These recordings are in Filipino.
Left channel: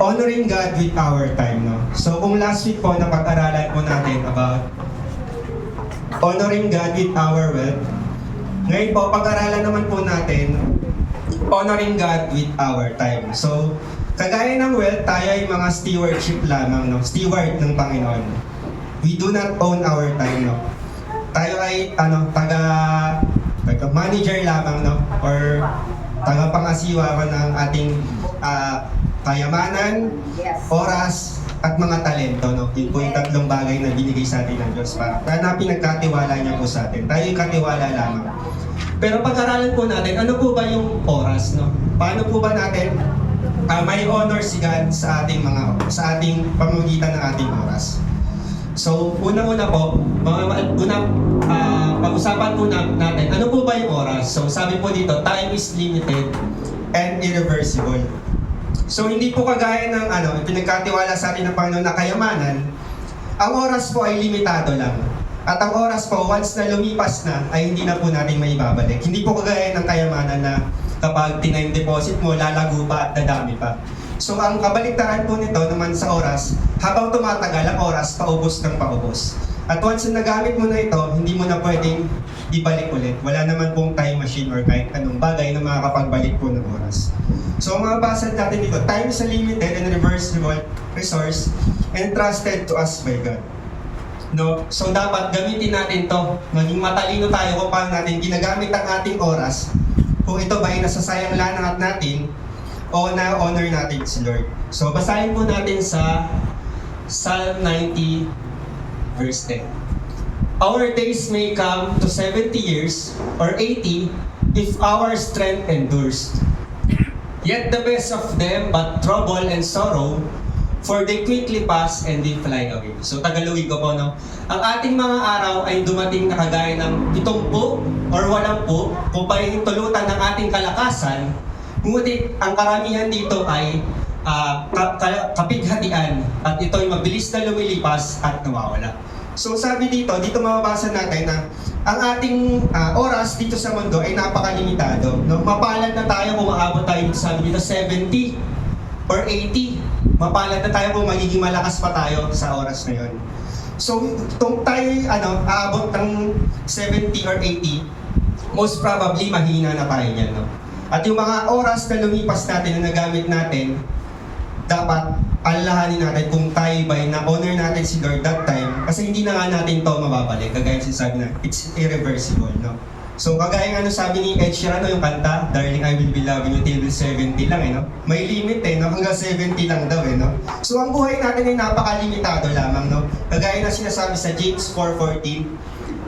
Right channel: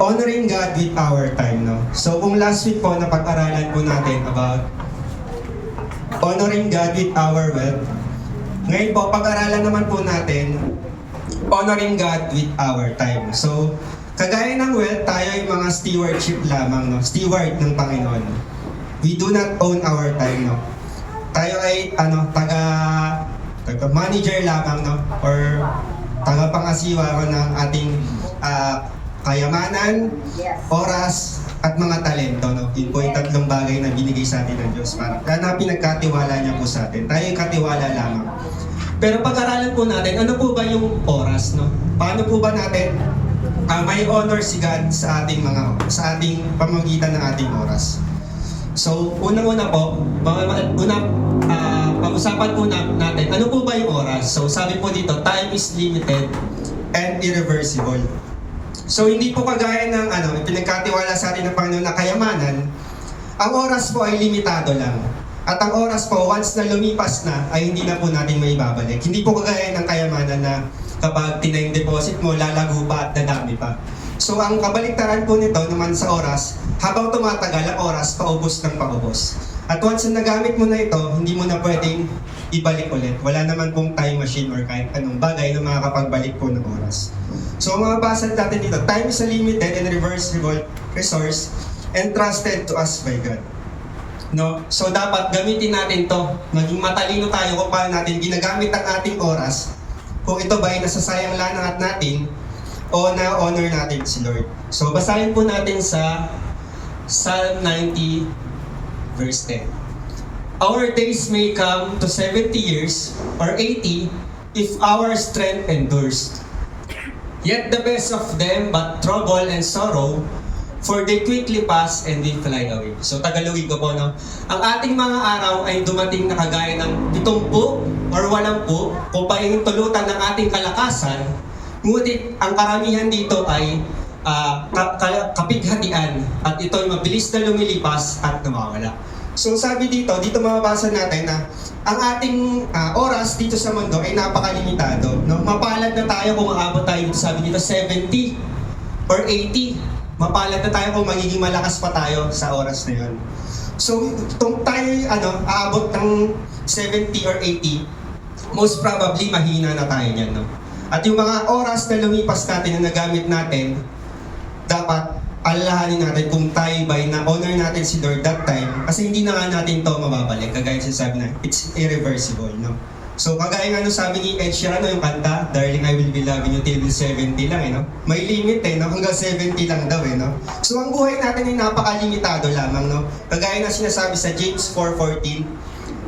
honoring God with our time, no? So kung last week po napag-aralan po natin about honoring God with our wealth, ngayon po pag-aralan naman po natin honoring God with our time. So kagaya ng wealth, tayo ay mga stewardship lamang, no? Steward ng Panginoon. We do not own our time, no? Tayo ay taga-manager lamang, no? Or taga-pangasiwa ng ating kayamanan, oras, at mga talento, no? Yun po yung tatlong bagay na binigay sa atin ng Diyos para na pinagkatiwala niya po sa atin. Tayo yung katiwala lamang. Pero pag-aralan po natin, ano po ba yung oras, no? Paano po ba natin may honor si God sa ating pamamagitan ng ating oras? So, una-una po, pag-usapan po natin, ano po ba yung oras? So, sabi po dito, time is limited and irreversible. So, hindi po kagaya ng pinagkatiwala sa atin ng Panginoon na kayamanan, ang oras po ay limitado lang. At ang oras po, once na lumipas na, ay hindi na po natin maibabalik. Hindi po kagaya ng kayamanan na kapag deposit mo, lalago pa at dadami pa. So, ang kabaliktaran po nito naman sa oras, habang tumatagal ang oras, paubos ng paubos. At once na nagamit mo na ito, hindi mo na pwedeng ibalik ulit. Wala naman pong time machine or kahit anong bagay na makakapagbalik po ng oras. So, mga basal natin dito, time is a limited and reversible resource entrusted to us by God. No? So, dapat gamitin natin to. Maging matalino tayo kung paano natin ginagamit ang ating oras. Kung ito ba ay nasasayang lang natin o na-honor natin si Lord. So, basahin po natin sa Psalm 90, verse 10. Our days may come to 70 years or 80 if our strength endures. Yet the best of them but trouble and sorrow, for they quickly pass and they fly away. So Tagalogin ko po, no? Ang ating mga araw ay dumating na kagaya ng 70 or 80 kung paring tulutan ng ating kalakasan, ngunit ang karamihan dito ay kapighatian at ito ay mabilis na lumilipas at nawawala. So sabi dito mababasa natin na ang ating oras dito sa mundo ay napakalimitado. No? Mapalad na tayo kung maabot tayo dito, sabi dito 70 or 80. Mapalad na tayo kung magiging malakas pa tayo sa oras na yun. So kung tayo aabot ng 70 or 80, most probably mahina na tayo niyan. No? At yung mga oras na lumipas natin na nagamit natin, dapat alalahanin natin kung tayo ba'y na-honor natin si Lord that time, kasi hindi na nga natin to mababalik. Kagaya sinasabi na, it's irreversible, no? So, kagaya nga sabi ni Ed Sheeran, yung kanta, Darling, I Will Be Loving You Till 70 lang, no? May limit, no? Hanggang 70 lang daw, no? So, ang buhay natin ay napakalimitado lamang, no? Kagaya na sinasabi sa James 4:14,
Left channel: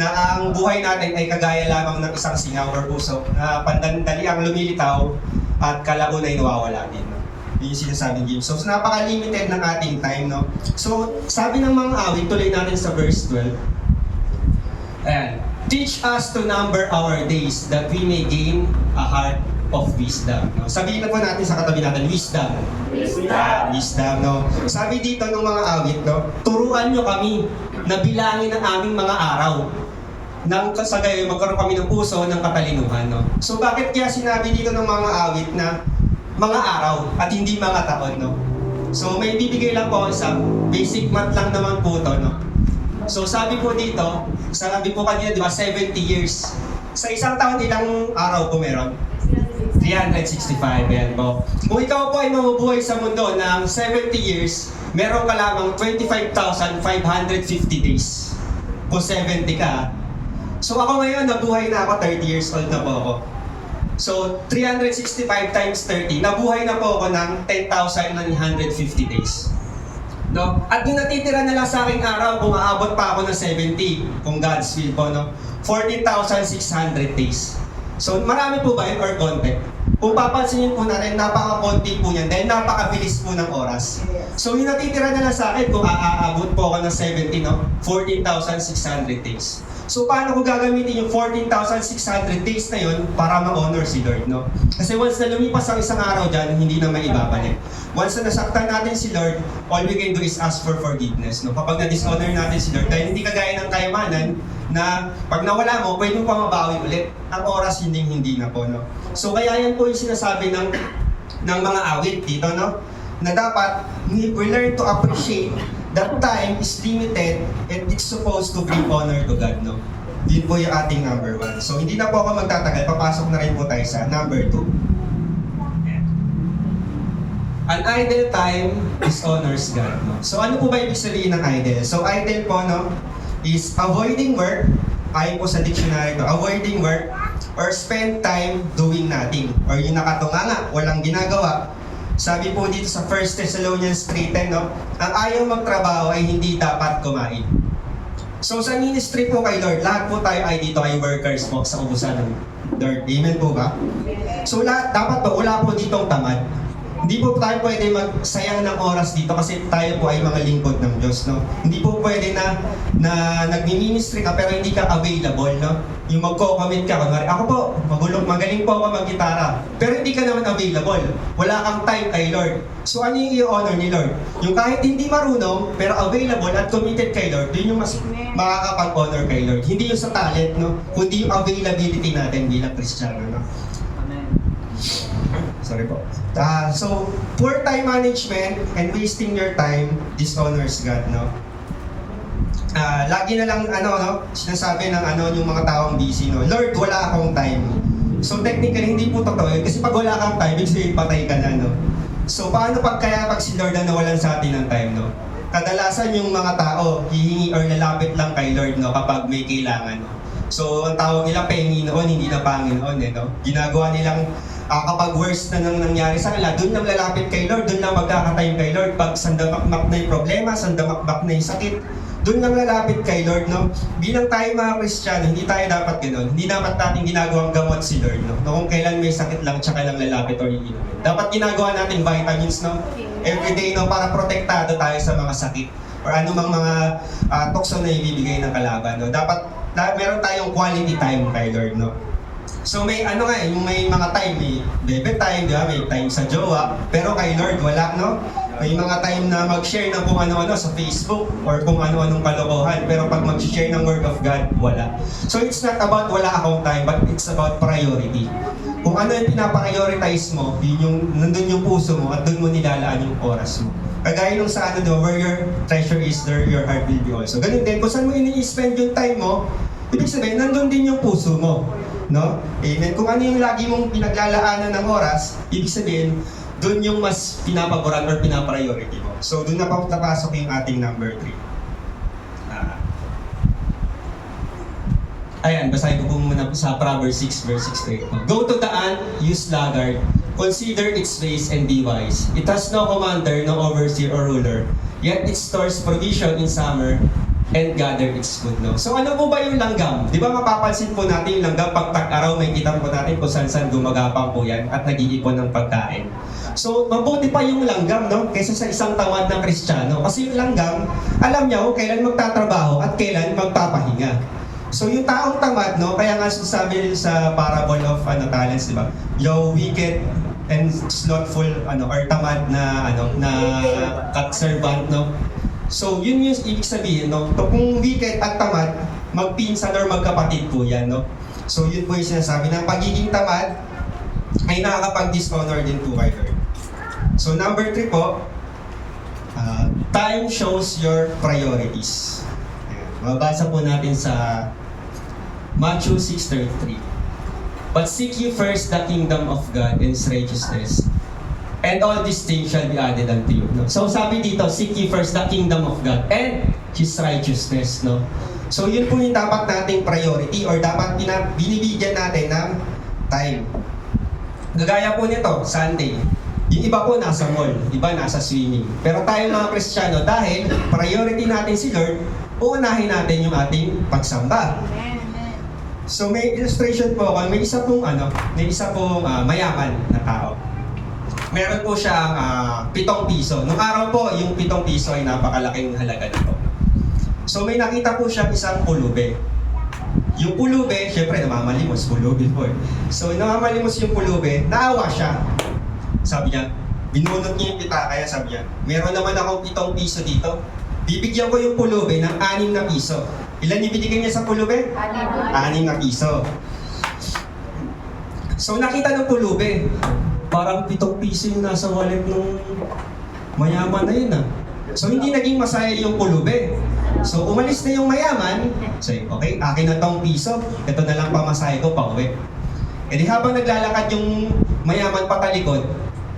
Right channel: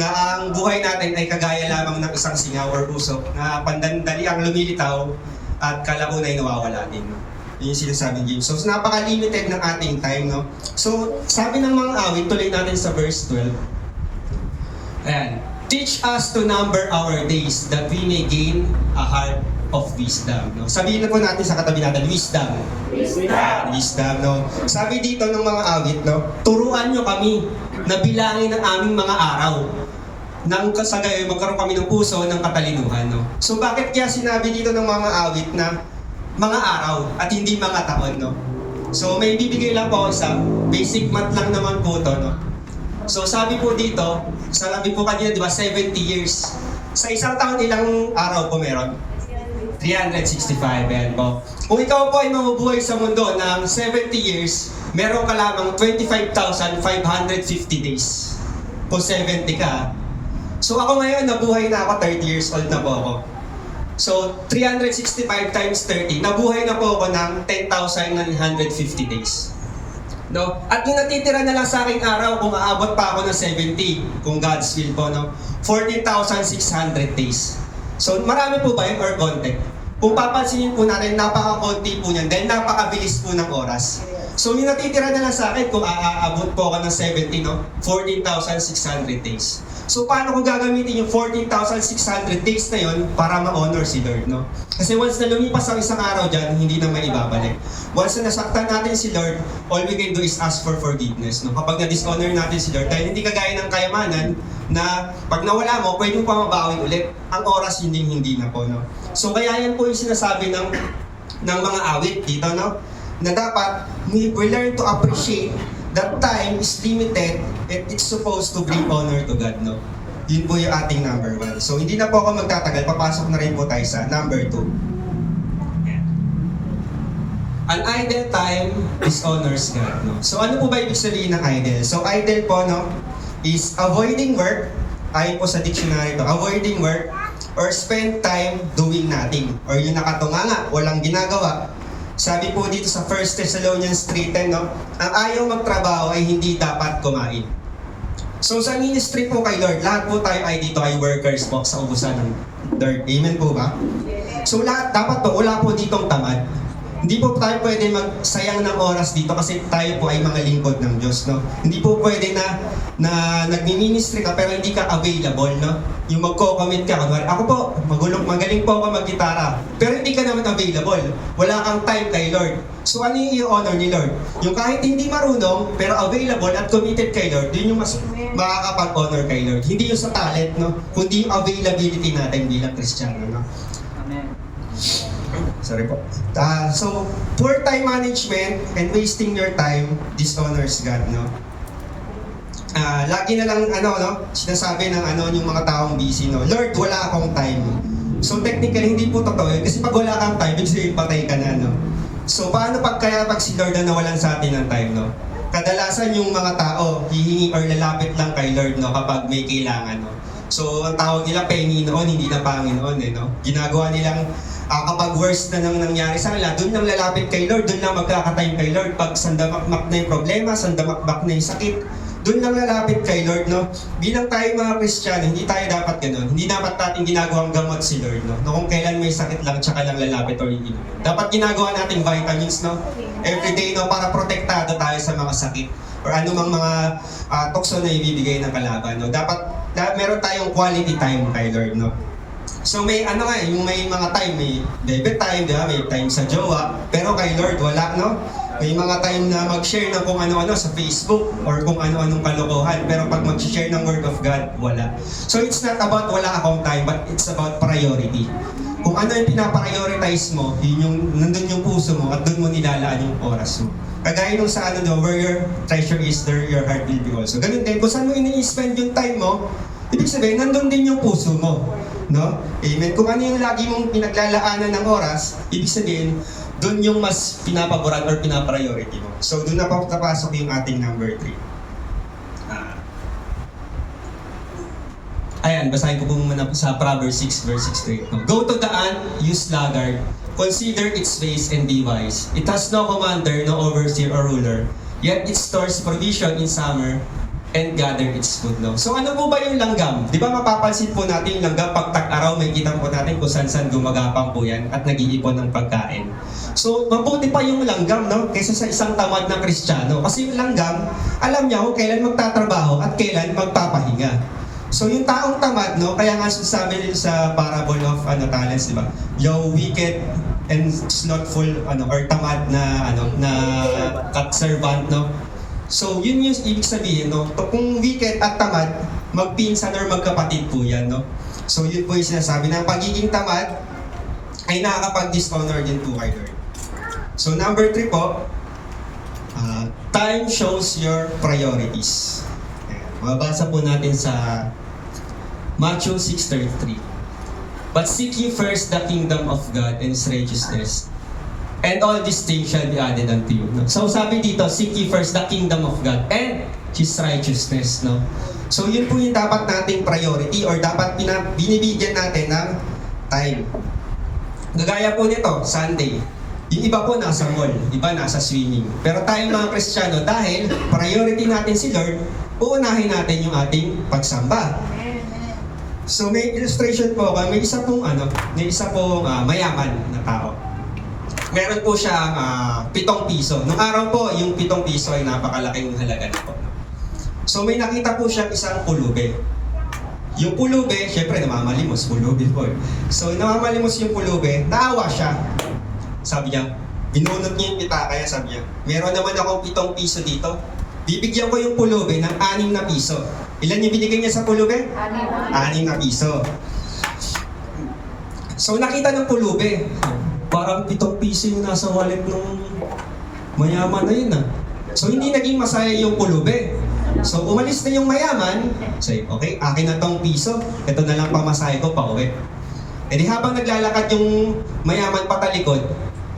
na ang buhay natin ay kagaya lamang ng isang singaw or usok na pandandali ang lumilitaw at kalabo na nawawala din, no? Yun yung sinasabi ng James. So, napaka-limited ng ating time, no? So, sabi ng mga awit, tuloy natin sa verse 12. Ayan. Teach us to number our days that we may gain a heart of wisdom. No? Sabihin na po natin sa katabi natin, wisdom. Wisdom, no? Sabi dito ng mga awit, no? Turuan nyo kami na bilangin ang aming mga araw nang kasagay magkaroon kami ng puso ng katalinuhan, no? So, bakit kaya sinabi dito ng mga awit na mga araw at hindi mga taon, no? So may bibigay lang po sa basic math lang naman po to, no? So sabi po dito, sabi po kanina, di ba, 70 years. Sa isang taon, ilang araw po meron? 365, yan po. Kung ikaw po ay mamubuhay sa mundo ng 70 years, meron ka lamang 25,550 days. Po 70 ka. So ako ngayon, nabuhay na ako, 30 years old na po ako. So, 365 times 30, nabuhay na po ako ng 10,950 days. No? At yung natitira na lang sa aking araw, kung aabot pa ako ng 70, kung God's will po, no? 14,600 days. So, marami po ba yun or konti? Kung papansinin po natin, napaka-konti po niyan dahil napakabilis po ng oras. So, yung natitira na lang sa akin, kung aabot po ako ng 70, no? 14,600 days. So, paano ko gagamitin yung 14,600 days na yun para ma-honor si Lord, no? Kasi once na lumipas ang isang araw dyan, hindi na maibabalik. Once na nasaktan natin si Lord, all we can do is ask for forgiveness, no? Kapag na-dishonor natin si Lord, dahil hindi kagaya ng kayamanan na pag nawala mo, pwede mo pa mabawi ulit. Ang oras hindi na po, no? So, kaya yan po yung sinasabi ng mga awit dito, no? na dapat we learn to appreciate that time is limited and it's supposed to bring honor to God, no? Yun po yung ating number 1. So, hindi na po ako magtatagal. Papasok na rin po tayo sa number 2. An idle time is honors God, no? So, ano po ba ibig sabihin ng idle? So, idle po, no, is avoiding work. Ayon po sa dictionary to, avoiding work or spend time doing nothing. Or yung nakatunganga, walang ginagawa. Sabi po dito sa 1 Thessalonians 3:10, no, ang ayaw magtrabaho ay hindi dapat kumain. So sa ministry po kay Lord, lahat po tayo ay dito ay workers po sa ubusan ng Lord. Amen po ba? So lahat, dapat po, wala po ditong tamad. Hindi po tayo pwede magsayang ng oras dito kasi tayo po ay mga lingkod ng Diyos, no? Hindi po pwede na nagmi-ministry ka pero hindi ka available, no? Yung magko-commit ka, kunwari, ako po, magaling po ako mag-gitara, pero hindi ka naman available. Wala kang time kay Lord. So ano yung i-honor ni Lord? Yung kahit hindi marunong, pero available at committed kay Lord, yun yung mas makakapag-honor kay Lord. Hindi yung sa talent, no? Kundi yung availability natin bilang Kristiyano, no? Sorry po. So, poor time management and wasting your time dishonors God, no? Lagi na lang, sinasabi ng yung mga taong busy, no? Lord, wala akong time. So, technically, hindi po totoo yun. Kasi pag wala kang time, ibig sabihin, patay ka na, no? So, paano pag si Lord na nawalan sa atin ng time, no? Kadalasan yung mga tao, hihingi or lalapit lang kay Lord, no? Kapag may kailangan, no? So, ang tawag nila, Panginoon, hindi na Panginoon, no? Ginagawa nilang kapag worst na nang nangyari sa kanila, doon lang lalapit kay Lord, doon lang magkakatime kay Lord. Pag sandamakmak na yung problema, sandamakmak na yung sakit, doon lang lalapit kay Lord, no? Bilang tayo mga Kristiyano, hindi tayo dapat ganoon. Hindi dapat natin ginagawang gamot si Lord, no? Kung kailan may sakit lang, tsaka lang lalapit or hindi. Dapat ginagawa natin vitamins, no? Everyday, no? Para protektado tayo sa mga sakit or anumang mga tukso na ibibigay ng kalaban, no? Dapat meron tayong quality time kay Lord, no? So may yung may mga time, may bebe time, diba? May time sa jowa, pero kay Lord wala, no? May mga time na mag-share ng kung ano-ano sa Facebook or kung ano-anong kalokohan, pero pag mag-share ng Word of God, wala. So it's not about wala akong time, but it's about priority. Kung ano yung pinaprioritize mo, yun yung nandun yung puso mo at doon mo nilalaan yung oras mo. Kagaya nung sa where your treasure is, there your heart will be also. Ganun din, kung saan mo ini-spend yung time mo, ibig sabihin, nandun din yung puso mo. No? Amen. Kung ano yung lagi mong pinaglalaanan ng oras, ibig sabihin, doon yung mas pinapaboran or pinapriority mo. So, doon na napasok yung ating number 3. Ayan, basahin ko po muna sa Proverbs 6 verse 6 to 8. Go to the ant, you sluggard, consider its ways and be wise. It has no commander, no overseer or ruler, yet it stores provision in summer and gather its food, no? So ano po ba yung langgam? Di ba mapapansin po natin yung langgam pag tag-araw, may kita po natin kung saan gumagapang po yan at nag-iipon ng pagkain. So mabuti pa yung langgam, no? Kaysa sa isang tamad na Kristiyano. Kasi yung langgam, alam niya kung kailan magtatrabaho at kailan magpapahinga. So yung taong tamad, no? Kaya nga sabi sa parable of talents, di ba? Yung wicked and slothful or tamad na cat servant, no? So, yun yung ibig sabihin, no? Kung wicked at tamad, magpinsan or magkapatid po yan, no? So, yun po yung sinasabi na pagiging tamad ay nakakapag-dishonor din po kay Lord. So, number 3 po, time shows your priorities. Ayan. Mababasa po natin sa Matthew 6:33. But seek ye first the kingdom of God and His righteousness, and all these things shall be added unto you. No? So sabi dito, seek ye first the kingdom of God and His righteousness. No? So yun po yung dapat nating priority or dapat binibigyan natin ng time. Gagaya po nito, Sunday. Yung iba po nasa mall, iba nasa swimming. Pero tayo mga Kristiyano, dahil priority natin si Lord, uunahin natin yung ating pagsamba. So may illustration po ako, may isa pong mayaman na tao. Meron po siyang 7 piso. Nung araw po, yung 7 piso ay napakalaking halaga nito. So may nakita po siyang isang pulube. Yung pulube, syempre namamalimos, pulube po. So namamalimos yung pulube, naawa siya. Sabi niya, binunot niya yung pita, kaya sabi niya, meron naman akong 7 piso dito. Bibigyan ko yung pulube ng 6 na piso. Ilan ibinigay niya sa pulube? 6 na piso. So nakita ng pulube, parang 7 piso yung nasa wallet nung Mayaman na yun ah. So hindi naging masaya yung pulubi. So umalis na yung mayaman, say, okay, akin na tong piso, ito na lang pamasahe ko pa uwi. E di habang naglalakad yung mayaman patalikod,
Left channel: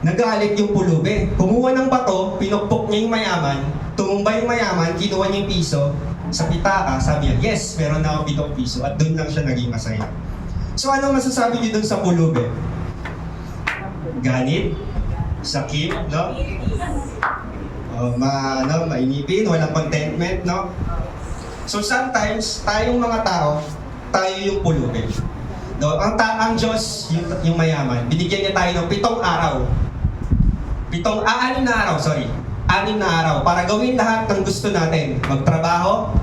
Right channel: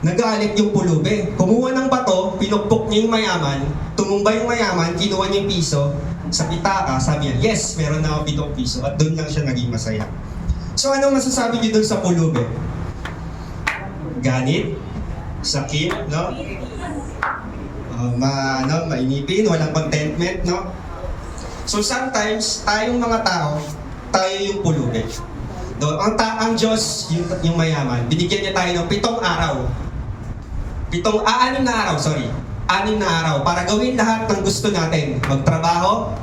nagalit yung pulubi. Kumuha ng bato, pinukpok niya yung mayaman, tumumba yung mayaman, kinuha niya yung piso, sa pitaka, sabi niya, yes, meron na ako 7 piso, at doon lang siya naging masaya. So ano masasabi niyo doon sa pulubi? Ganit? Sakit, no? Mainipin, walang contentment, no? So sometimes, tayong mga tao, tayo yung pulubi. Ang Diyos, yung mayaman, binigyan niya tayo ng 7 araw. 6 na araw, sorry. 6 na araw para gawin lahat ng gusto natin. Magtrabaho,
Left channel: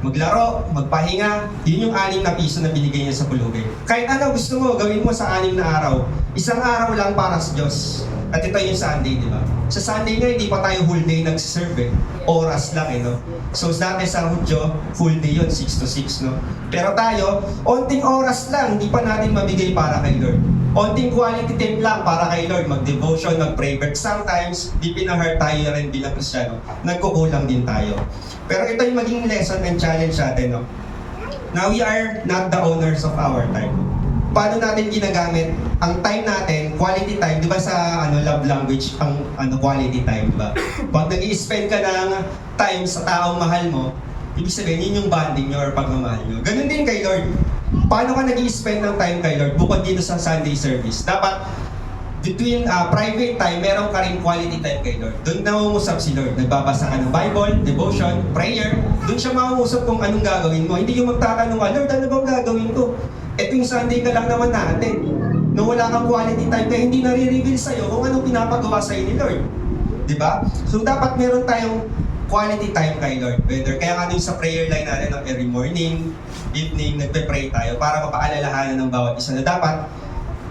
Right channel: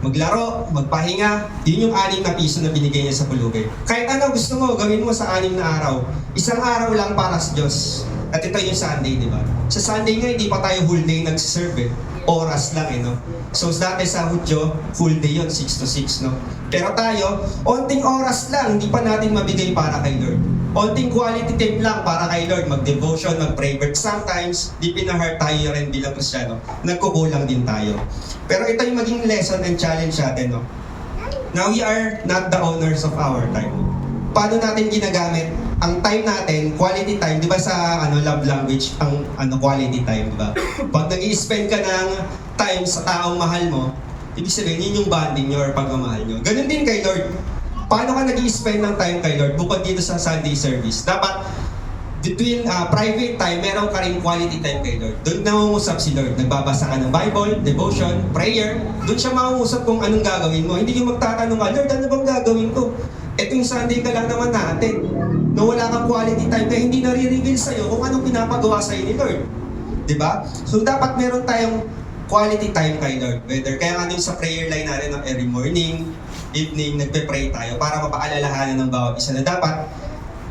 maglaro, magpahinga. Yun yung 6 na piso na binigay niya sa pulubi. Kahit ano gusto mo, gawin mo sa 6 na araw. 1 araw lang para sa Diyos. At ito yung Sunday, di ba? Sa Sunday nga, hindi pa tayo whole day nag-serve eh. Oras lang eh, no? So, dati sa Hudyo, full day yun, 6 to 6, no? Pero tayo, onting oras lang, hindi pa natin mabigay para kay Lord. Onting quality time lang para kay Lord, mag-devotion, mag-pray. But sometimes, di pinahart tayo rin bilang Kristyano, nagkukulang din tayo. Pero ito yung maging lesson and challenge natin, no? Now, we are not the owners of our time. Paano natin ginagamit ang time natin, quality time, di ba sa love language, ang quality time, di ba? Pag nag-i-spend ka ng time sa taong mahal mo, ibig sabihin, yun yung bonding nyo or pagmamahal nyo. Ganun din kay Lord. Paano ka nag-i-spend ng time kay Lord bukod dito sa Sunday service? Dapat, between private time, meron ka rin quality time kay Lord. Doon nangungusap si Lord. Nagbabasa ka ng Bible, devotion, prayer. Doon siya mangungusap kung anong gagawin mo. Hindi yung magtatanong ka, Lord, ano bang gagawin ko? Ito yung Sunday ka lang naman natin. Na wala kang quality time, kaya hindi nare-reveal sa'yo kung anong pinapagawa sa'yo ni Lord. Diba? So dapat meron tayong quality time kay Lord. Whether, kaya nga din sa prayer line natin ng every morning, evening, nagpe-pray tayo para mapaalalahanan ng bawat isa na dapat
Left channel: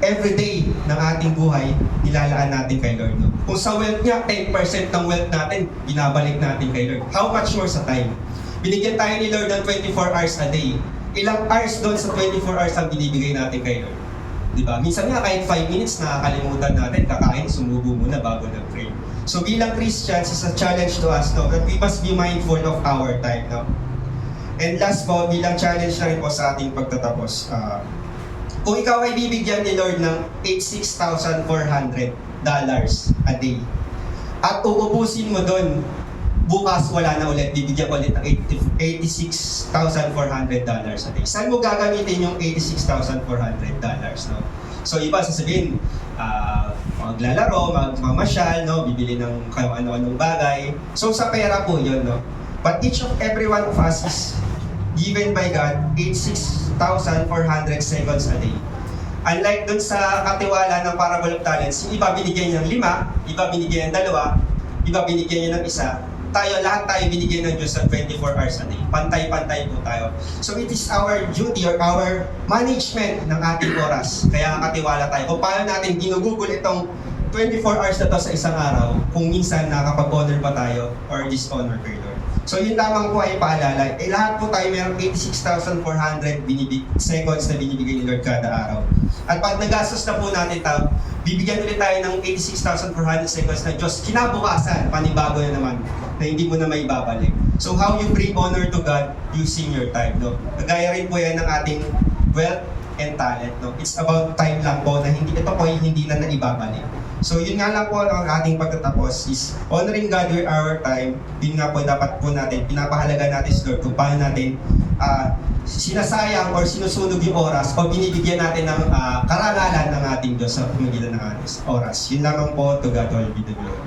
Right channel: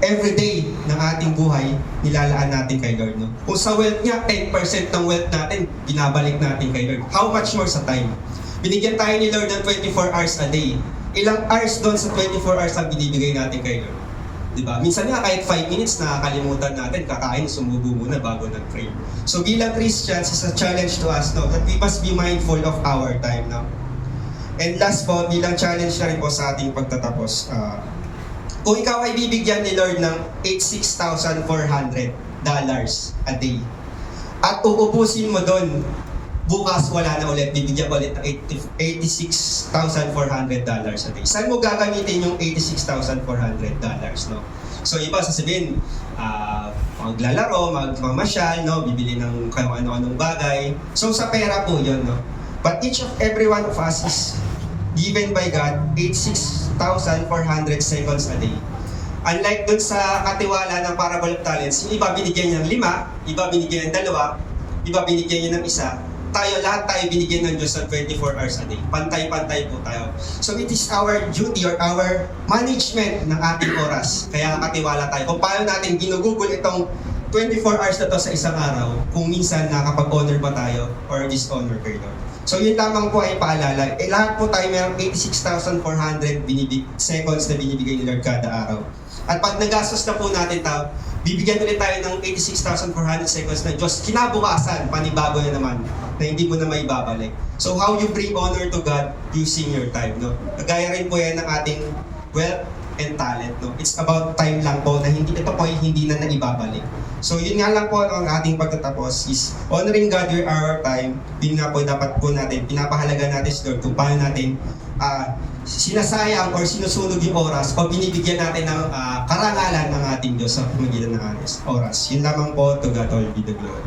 every day ng ating buhay, nilalaan natin kay Lord. No? Kung sa wealth niya, 10% ng wealth natin, binabalik natin kay Lord. How much more sa time? Binigyan tayo ni Lord ng 24 hours a day. Ilang hours doon sa 24 hours ang binibigay natin kay Lord? Diba? Minsan nga kahit 5 minutes nakakalimutan natin, kakain, sumubo muna bago nag-pray. So bilang Christians, is a challenge to us, no? That we must be mindful of our time. No? And last po, bilang challenge na rin po sa ating pagtatapos, kung ikaw ay bibigyan ni Lord ng $86,400 a day, at uubusin mo doon, bukas wala na ulit, bibigyan ko ulit ng $86,400 a day. Saan mo gagamitin yung $86,400, no? So iba sasabihin, maglalaro, magmamasyal, no? Bibili ng kung ano-anong bagay. So sa pera po yun, no? But each of every one of us is given by God 86,400 seconds a day. Unlike dun sa katiwala ng parable of talents, yung iba binigyan niya ng 5, iba binigyan ng 2, iba binigyan niya ng 1, lahat tayo binigyan ng Diyos ng 24 hours a day. Pantay-pantay po tayo. So it is our duty or our management ng ating oras. Kaya katiwala tayo. Kung paano natin ginugugol itong 24 hours na to sa isang araw, kung minsan nakapag-honor ba tayo or dishonor kay Lord. So yun lamang po ay paalala. Lahat po tayo mayroong 86,400 seconds na binibigay ni Lord kada araw. At pag nagastos na po natin ito, bibigyan ulit tayo ng 86,400 seconds na Diyos. Kinabukasan, panibago na naman, na hindi mo na may babalik. So how you bring honor to God using your time, no? Kagaya rin po yan ng ating wealth and talent, no? It's about time lang po na ito po hindi na naibabalik. So yun nga lang po ang ating pagtatapos is honoring God with our time. Yun nga po dapat po natin, pinapahalaga natin si Lord kung paano natin sinasayang or sinusunog yung oras o binibigyan natin ng karangalan ng ating Diyos sa pamagitan ng oras. Yun lamang po, to God all be the glory.